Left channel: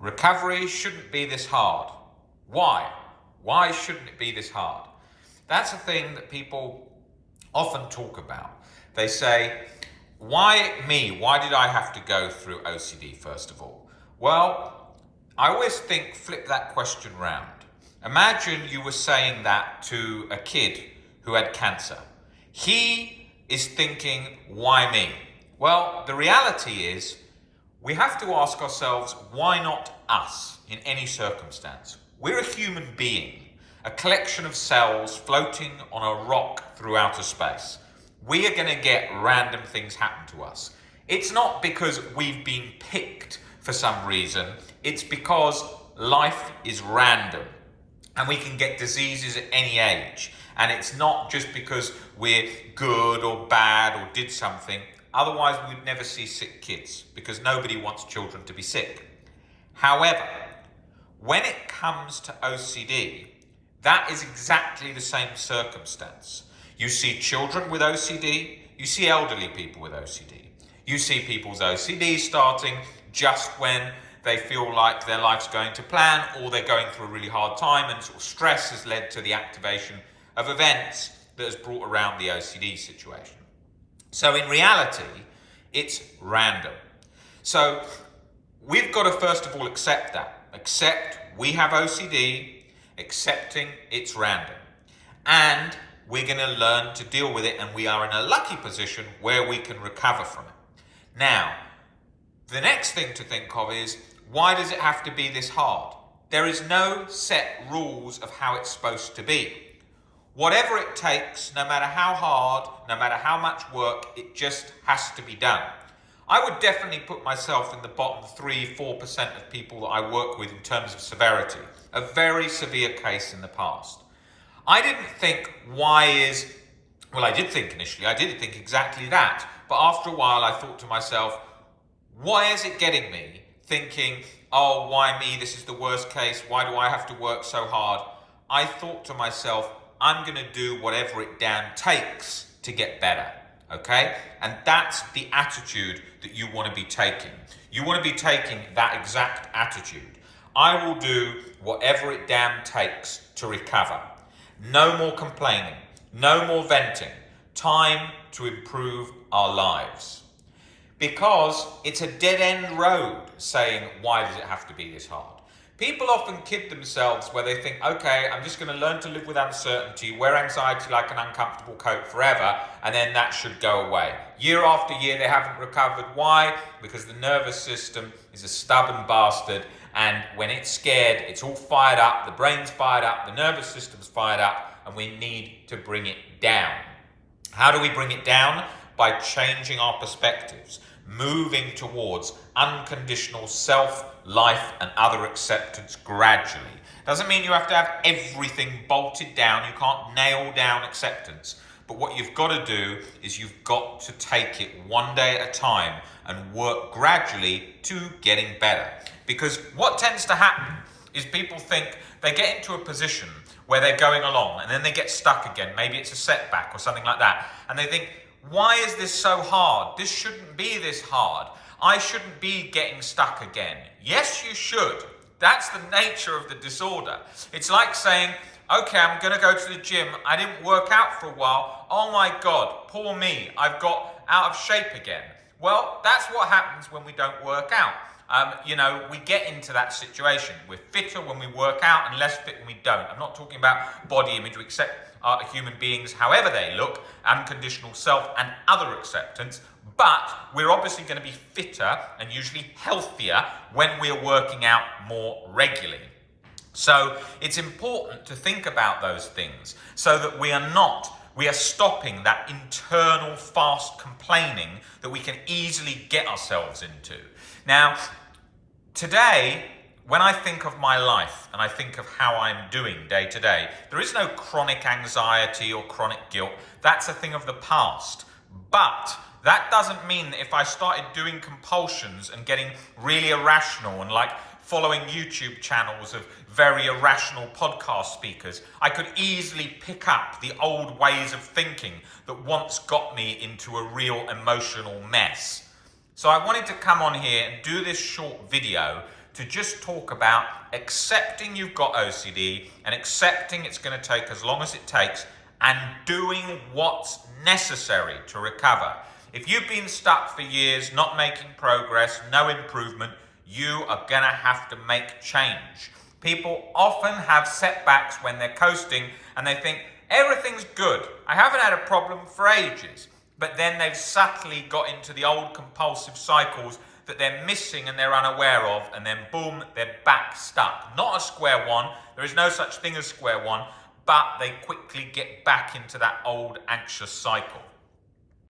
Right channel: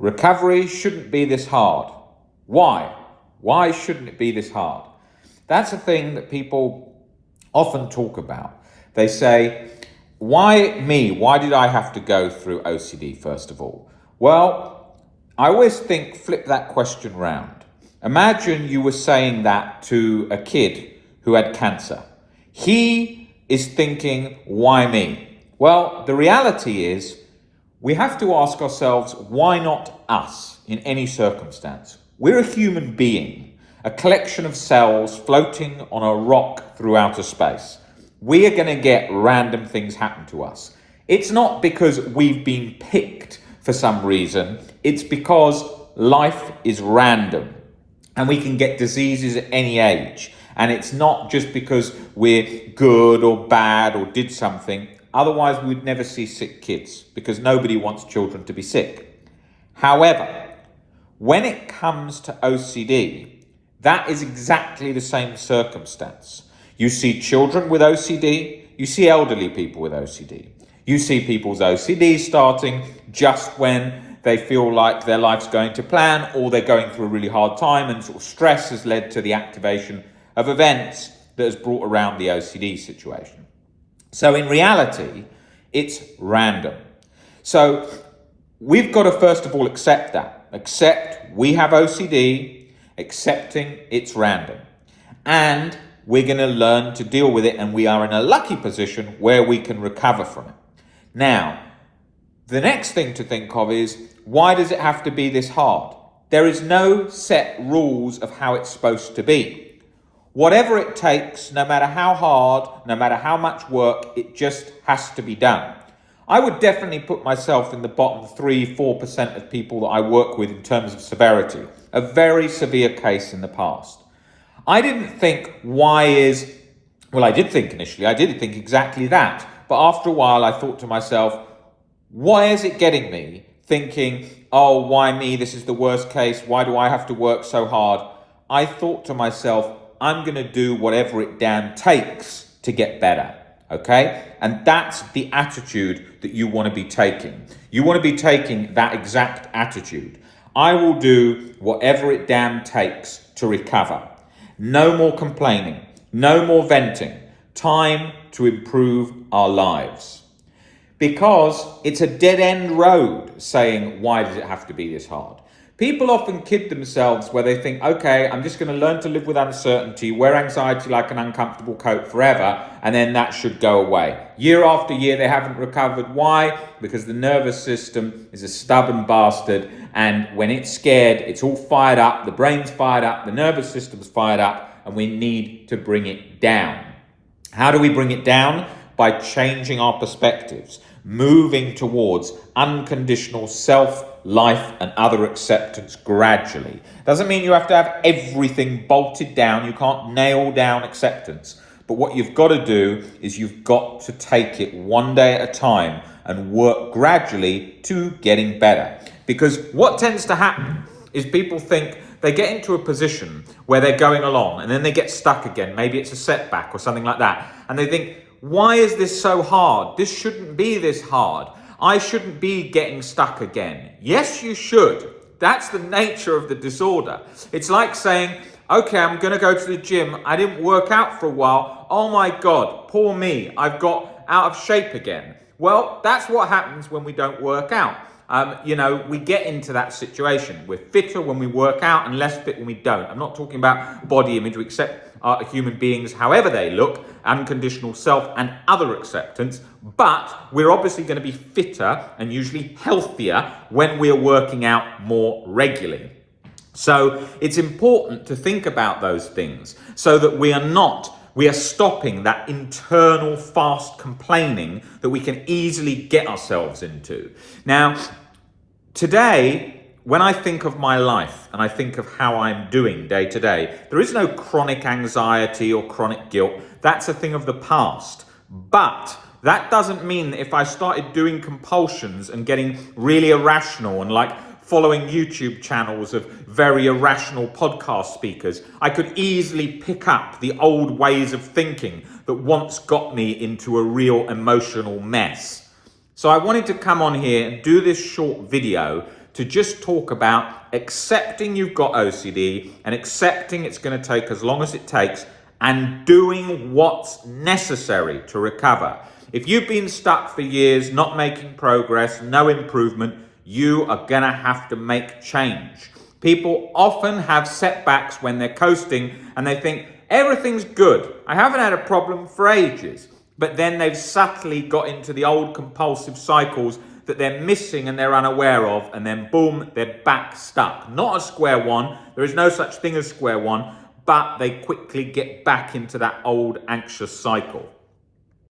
Recovery shouldn't be this hard. Why? Why shouldn't it be this hard? That's a thing that people often talk about. They say, why me? Why did I have to go through OCD, first of all? Well, I always think, flip that question round. Imagine you were saying that to a kid who had cancer. He is thinking, why me? Well, the reality is, we have to ask ourselves, why not us in any circumstance? We're a human being, a collection of cells floating on a rock through outer space. We are going to get random things happen to us. It's not because we've been picked for some reason. It's because life is random and we can get diseases at any age. And it's not just because we're good or bad or did something. Otherwise, we'd never see sick kids because nobody wants children to be sick. However, when it comes to OCD, that is exactly the same circumstance. You see children with OCD, you see elderly people with OCD. You see people's OCD starting just when they feel like their life's going to plan or they're going through a really hard time and sort of stress has led to the activation of events that has brought around the OCD situation. So in reality, it's random. So we've got to first of all accept that. Accept we have OCD, accepting it's random. And we're going to learn to deal with it, and we are in a lucky position where we can recover from it. Now, the next thing to think of is, why does it have to be this hard? There is no set rules of how it's supposed to be. Whatever it takes, no matter how hard, no matter how much work, it just has to be done. I would definitely put myself in the bottom 3-4% of people that I work with in terms of severity. A very severe case in the past. I didn't think I did think initially, I did think exactly that. But after a while, I thought to myself, why is it getting me thinking, oh, why me? This is the worst case. Why do I have to work so hard? I thought to myself, I'm going to do whatever it damn takes to get better, okay? And that's the attitude that you want to be taking. You want to be taking that exact attitude. I will do whatever it damn takes to recover. No more complaining, no more venting. Time to improve our lives. Because it's a dead-end road saying, why does it have to be this hard? People often kid themselves where they think, okay, I'm just going to learn to live with uncertainty, wear anxiety like an uncomfortable coat forever, and then that should go away. Year after year, they haven't recovered. Why? Because the nervous system is a stubborn bastard, and when it's scared, it's all fired up, the brain's fired up, the nervous system's fired up, and we need to bring it down. How do we bring it down? By changing our perspectives, moving towards unconditional self, life, and other acceptance gradually. Doesn't mean you have to have everything bolted down. You can't nail down acceptance. But what you've got to do is you've got to take it one day at a time and work gradually to getting better. Because what tends to happen is people think they get into a position where they're going along and then they get stuck again. Maybe it's a setback or something like that. And they think, why is this so hard? This shouldn't be this hard. I shouldn't be getting stuck again. Yes, you should. That's the nature of the disorder. It's like saying, okay, I'm going to go to the gym. I didn't work out for a while. Oh my God, poor me. I've got out of shape again. Well, that's what happens when we don't work out. We get into that situation. We're fitter when we work out and less fit when we don't. I'm not talking about body image. We accept human beings however they look, unconditional self and other acceptance, but we're obviously going to be fitter and usually healthier when we're working out more regularly. So it's important to think about those things so that we are stopping that internal fast complaining that we can easily get ourselves into. Now, today, when I think of my life and I think of how I'm doing day to day, there is no chronic anxiety or chronic guilt. That's a thing of the past. But that doesn't mean that if I started doing compulsions and getting really irrational and like following YouTube channels of very irrational podcast speakers, I could easily pick up the old ways of thinking that once got me into a real emotional mess. So I wanted to come on here and do this short video to just talk about accepting you've got OCD and accepting it's going to take as long as it takes and doing what's necessary to recover. If you've been stuck for years, not making progress, no improvement, you are going to have to make change. People often have setbacks when they're coasting and they think, everything's good. I haven't had a problem for ages. But then they've subtly got into the old compulsive cycles that they're missing and they're unaware of, and then boom, they're back stuck. Not at square one. There is no such thing as square one, but they quickly get back into that old anxious cycle.